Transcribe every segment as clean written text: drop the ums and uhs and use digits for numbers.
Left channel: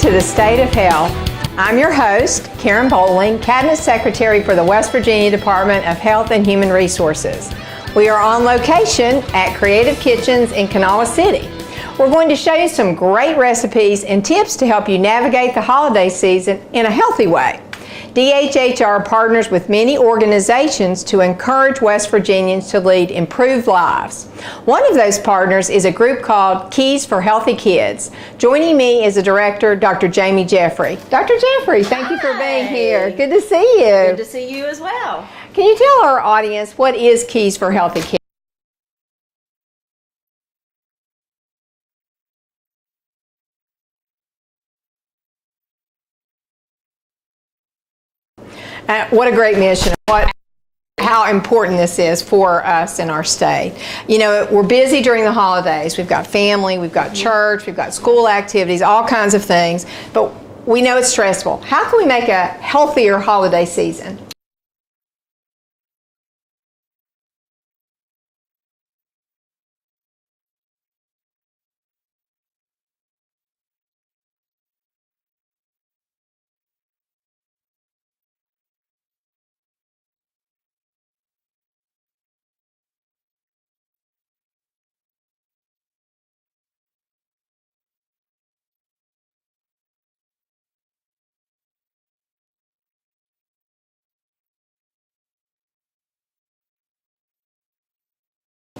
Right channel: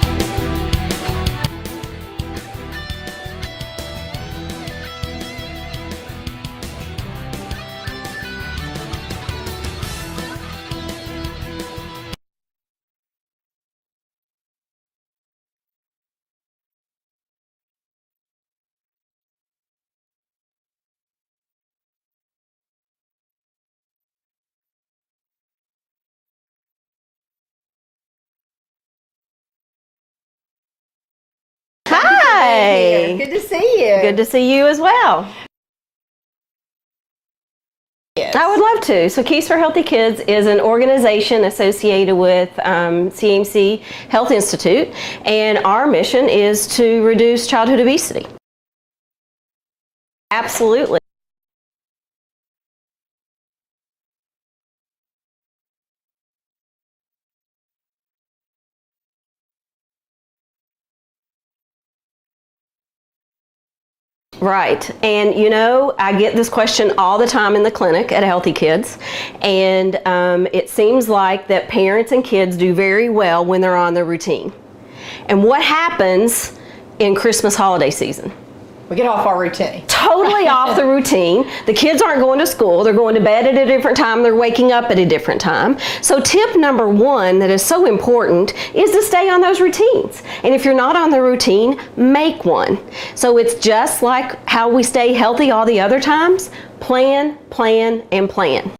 to the State of Health. I'm your host, Karen Bowling, Cabinet Secretary for the West Virginia Department of Health and Human Resources. We are on location at Creative Kitchens in Kanawha City. We're going to show you some great recipes and tips to help you navigate the holiday season in a healthy way. DHHR partners with many organizations to encourage West Virginians to lead improved lives. One of those partners is a group called Keys4Healthy Kids. Joining me is the director, Dr. Jamie Jeffrey. Dr. Jeffrey, thank you for being here. Good to see you. Good to see you as well. Can you tell our audience what is Keys4Healthy Kids? I would love to. So Keys4Healthy Kids is an organization associated with CMC Health Institute, and our mission is to reduce childhood obesity. What a great mission. Absolutely. How important this is for us in our state. You know, we're busy during the holidays. We've got family, we've got church, we've got school activities, all kinds of things, but we know it's stressful. How can we make a healthier holiday season? Right, and you know, I get this question all the time in the clinic at Healthy Kids, and it seems like that parents and kids do very well when they're on their routine. And what happens in Christmas holiday season? We get off our routine. Totally off the routine. The kids aren't going to school. They're going to bed at a different time. They're waking up at a different time. So tip number one that is so important is to stay on those routines. And if you're not on the routine, make one. So it's just like how we stay healthy all the other times. Plan, plan, and plan.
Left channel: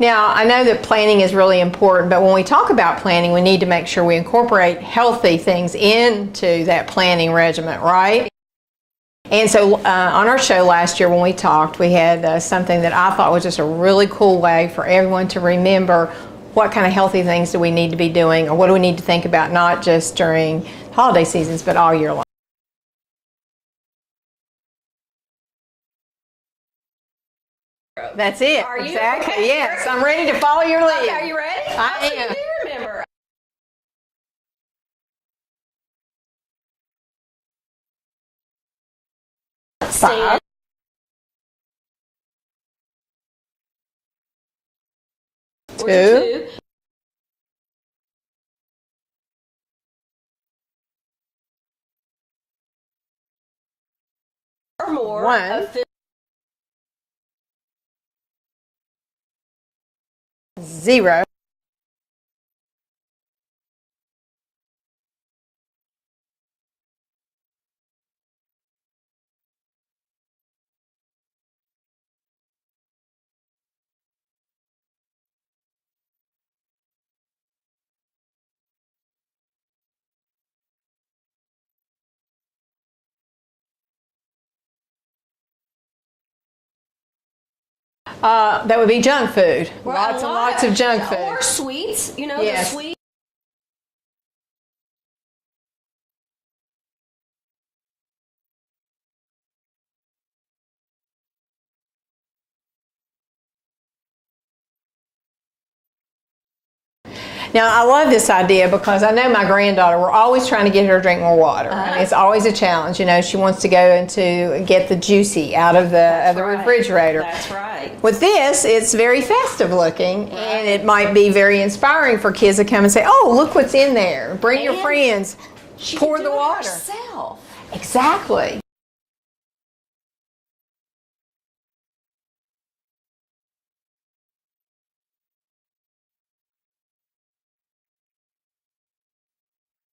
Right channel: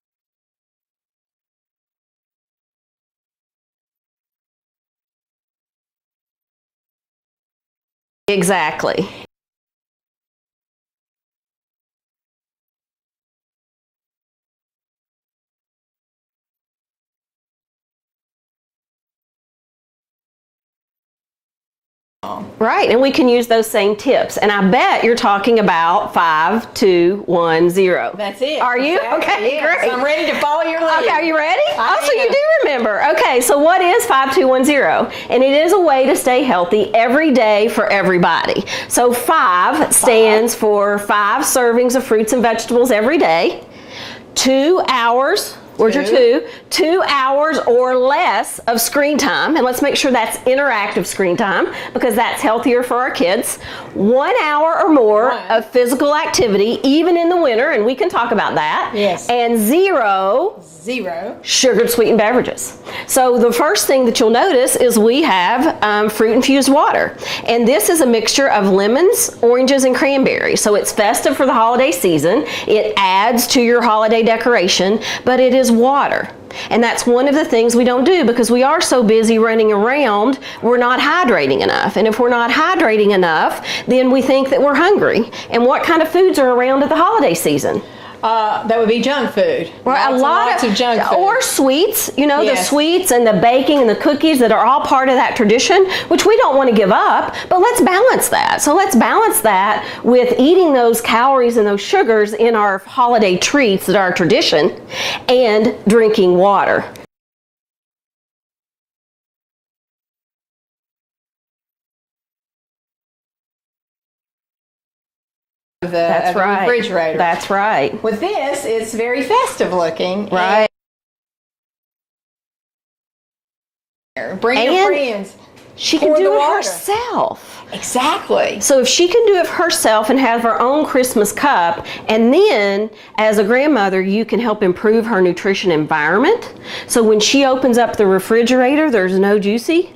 Now, I know that planning is really important, but when we talk about planning, we need to make sure we incorporate healthy things into that planning regimen, right? Exactly. And so on our show last year when we talked, we had something that I thought was just a really cool way for everyone to remember what kind of healthy things do we need to be doing, or what do we need to think about, not just during holiday seasons, but all year long. Right, and we can use those same tips. And I bet you're talking about 5, 2, 1, 0. That's it. Are you? Exactly. Okay, yes, great. I'm ready to follow your lead. Okay, are you ready? So you am. do remember. Okay, so what is 5, 2, 1, 0? And it is a way to stay healthy every day for everybody. So 5 stands for 5 servings of fruits and vegetables every day, 2 hours. Where's your 2 hours or less of screen time, and let's make sure that's interactive screen time because that's healthier for our kids. 1 hour or more of physical activity, even in the winter, and we can talk about that. Yes. And 0 sugared sweetened beverages. So the first thing that you'll notice is we have fruit infused water, and this is a mixture of lemons, oranges, and cranberries. So it's festive for the holiday season. It adds to your holiday decoration, but it is water. And that's one of the things we don't do because we are so busy running around, we're not hydrating enough. And if we're not hydrating enough, then we think that we're hungry. And what kind of foods are around at the holiday season? That would be junk food. Right, Lots of junk food. Or sweets, you know, Yes. the sweets and the baking and the cookies that are all part of that tradition, which we don't want to give up, but let's balance that. So let's balance that with eating those calories and those sugars in our holiday treats that are our tradition and drinking water. Now, I love this idea because I know my granddaughter, we're always trying to get her to drink more water. And it's always a challenge. You know, she wants to go and to get the juicy out of the refrigerator. That's right. With this, it's very festive looking. Right. And it might be very inspiring for kids to come and say, oh, look what's in there. Bring your friends. She can do it herself. Exactly. So if she can do it herself and have her own Christmas cup, and then as a grandmother, you can help improve her nutrition environment. So when she opens up the refrigerator, there's no juicy.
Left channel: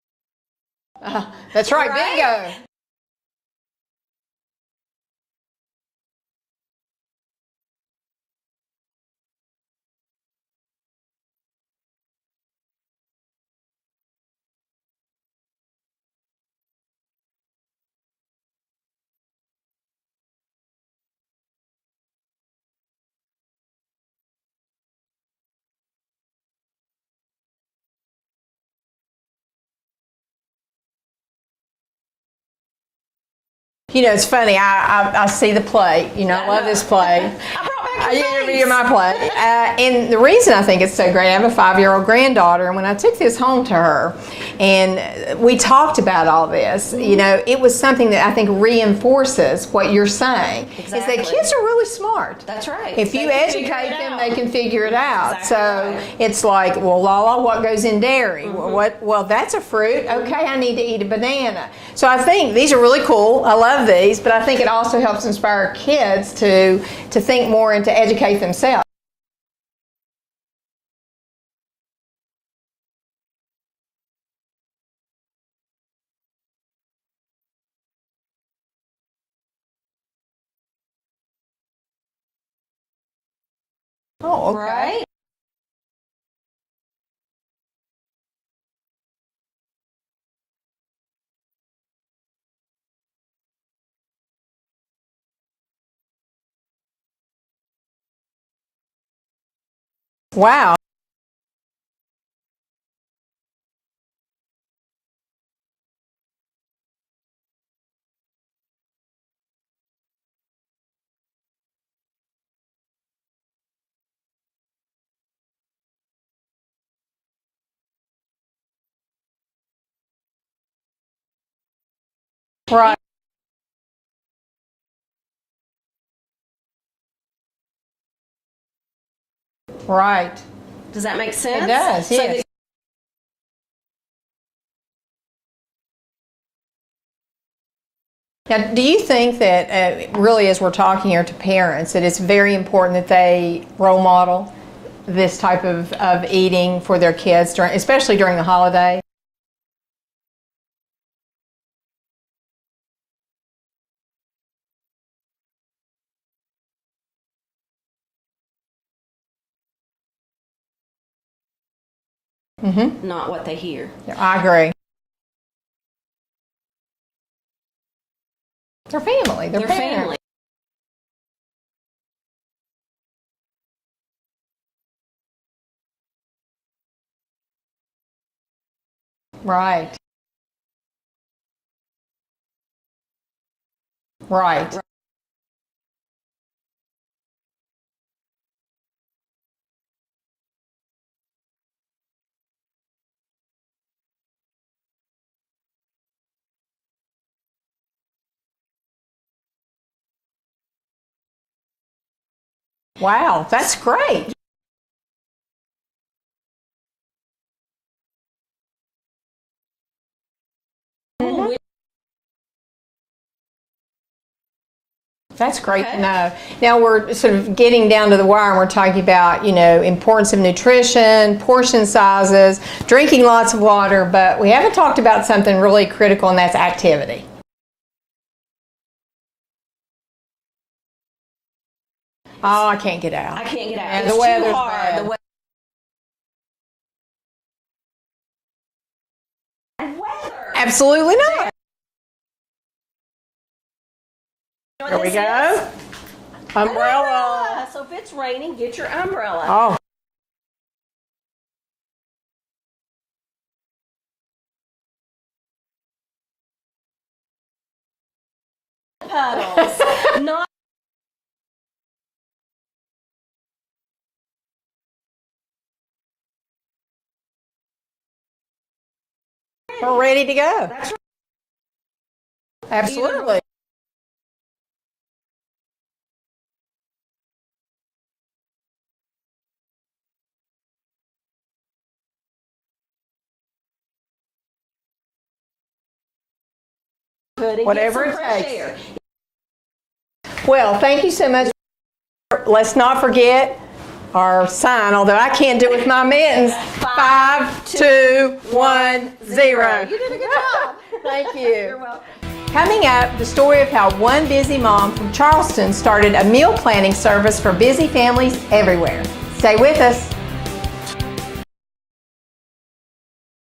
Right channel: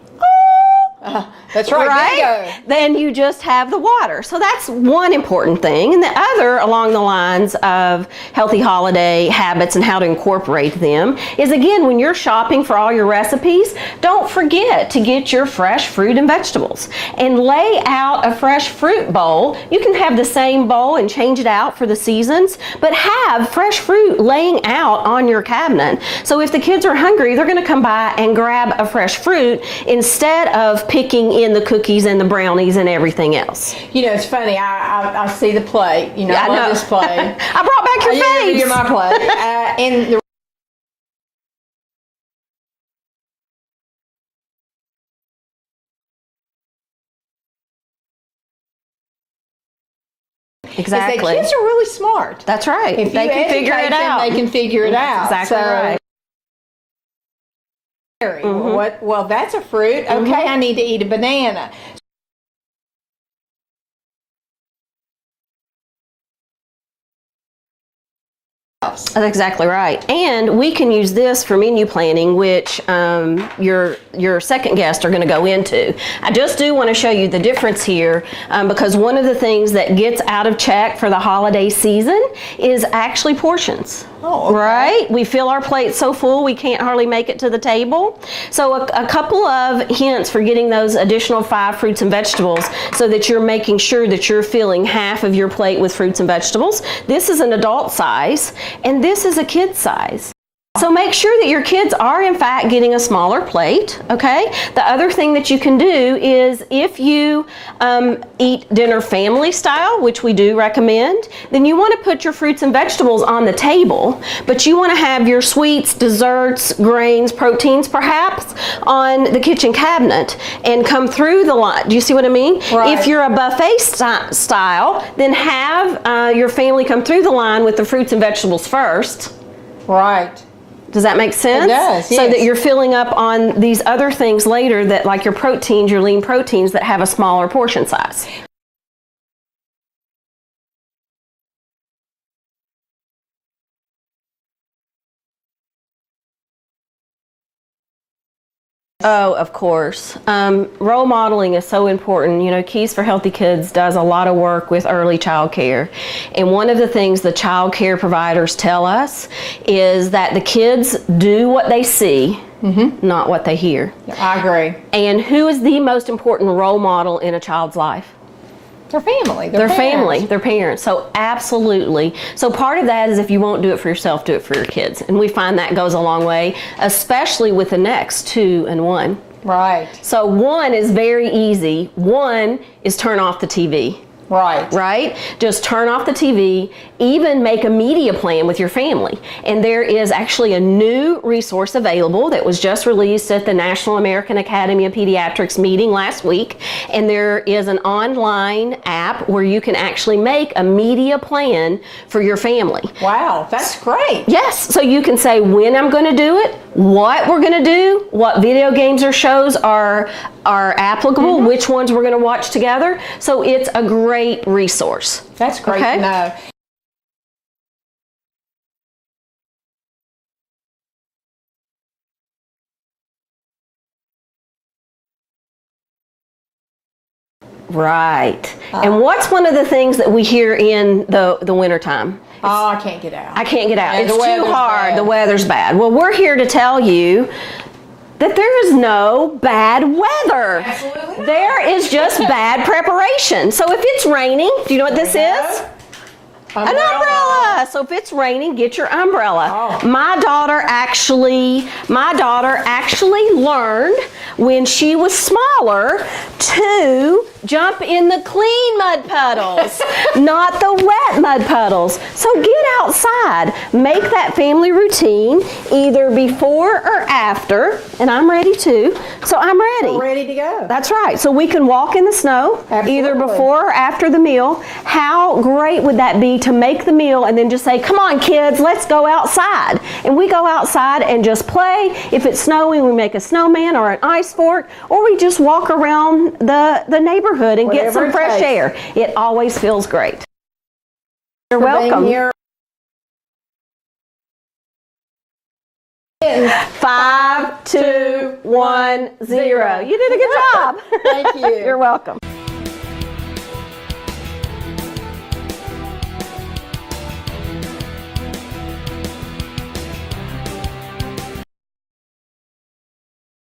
That's right. Bingo. Then you just have the water. So that's one important thing. And the other, along the lines of healthy holiday habits and how to incorporate them, is again, when you're shopping for all your recipes, don't forget to get your fresh fruit and vegetables. And lay out a fresh fruit bowl. You can have the same bowl and change it out for the seasons, but have fresh fruit laying out on your cabinet. So if the kids are hungry, they're going to come by and grab a fresh fruit instead of picking in the cookies and the brownies and everything else. You know, it's funny. I see the plate. You know, I love this plate. I brought back your face. You're my plate. And the reason I think it's so great, I have a 5-year-old granddaughter, and when I took this home to her and we talked about all this, you know, it was something that I think reinforces what you're saying. Exactly. Is that kids are really smart. That's right. If you educate them, they can figure it out. Exactly right. It's like, well, Lala, what goes in dairy? Well, that's a fruit. Okay, I need to eat a banana. So I think these are really cool. I love these, but I think it also helps inspire kids to think more and to educate themselves. That's exactly right. And we can use this for menu planning, which your second guest are going to go into. I just do want to show you the difference here because one of the things that gets out of check for the holiday season is actually portions. Oh, okay. Right? We fill our plates so full we can't hardly make it to the table. So a couple of hints for getting those additional 5 fruits and vegetables so that you're making sure that you're filling half of your plate with fruits and vegetables. This is an adult size and this is a kid size. Wow. So make sure that your kids are in fact getting a smaller plate, okay? The other thing that you can do is if you eat dinner family style, which we do recommend, then you want to put your fruits and vegetables on the table, but you want to have your sweets, desserts, grains, proteins perhaps on the kitchen cabinet and come through the line. Do you see what I mean? Right. If you're a buffet style, then have your family come through the line with the fruits and vegetables first. Right. Does that make sense? It does, yes. So that you're filling up on these other things later that like your proteins, your lean proteins that have a smaller portion size. Now, do you think that really as we're talking here to parents, that it's very important that they role model this type of eating for their kids, especially during the holidays? Oh, of course. Role modeling is so important. You know, Keys4Healthy Kids does a lot of work with early child care. And one of the things the child care providers tell us is that the kids do what they see, not what they hear. I agree. And who is the most important role model in a child's life? Their family. Their family, their parents. So absolutely. So part of that is if you won't do it for yourself, do it for your kids. And we find that goes a long way, especially with the next 2 and 1. Right. So 1 is very easy. 1 is turn off the TV. Right. Right? Just turn off the TV, even make a media plan with your family. And there is actually a new resource available that was just released at the National American Academy of Pediatrics meeting last week. And there is an online app where you can actually make a media plan for your family. Wow, that's great. Yes, so you can say when I'm going to do it, what we're going to do, what video games or shows are applicable, which ones we're going to watch together. So it's a great resource. That's great to know. Now we're sort of getting down to the wire and we're talking about, you know, importance of nutrition, portion sizes, drinking lots of water, but we haven't talked about something really critical, and that's activity. Right. And what's one of the things that we hear in the wintertime? Oh, I can't get out. I can't get out. And It's the too weather's hard. bad. The weather's bad. Well, we're here to tell you that there is no bad weather. Absolutely not. There is just bad preparation. So if it's raining, do you know what this is? An umbrella. So if it's raining, get your umbrella. Oh. My daughter actually learned when she was smaller to jump in the clean mud puddles, not the wet mud puddles. So get outside. Make that family routine either before or after, and I'm ready too. So I'm ready. We're ready to go. That's right. So we can walk in the snow either Absolutely. before or after the meal. How great would that be to make the meal and then just say, come on kids, let's go outside. And we go outside and just play. If it's snowing, we make a snowman or an ice fort, or we just walk around the neighborhood and get Whatever some it fresh takes. air. It always feels great. Well, thank you so much You're for welcome. being here. Let's not forget our sign, although I can't do it with my mittens. 5, 2, 1, 0. You did a good job. Thank you. You're welcome. Coming up, the story of how one busy mom from Charleston started a meal planning service for busy families everywhere. Stay with us.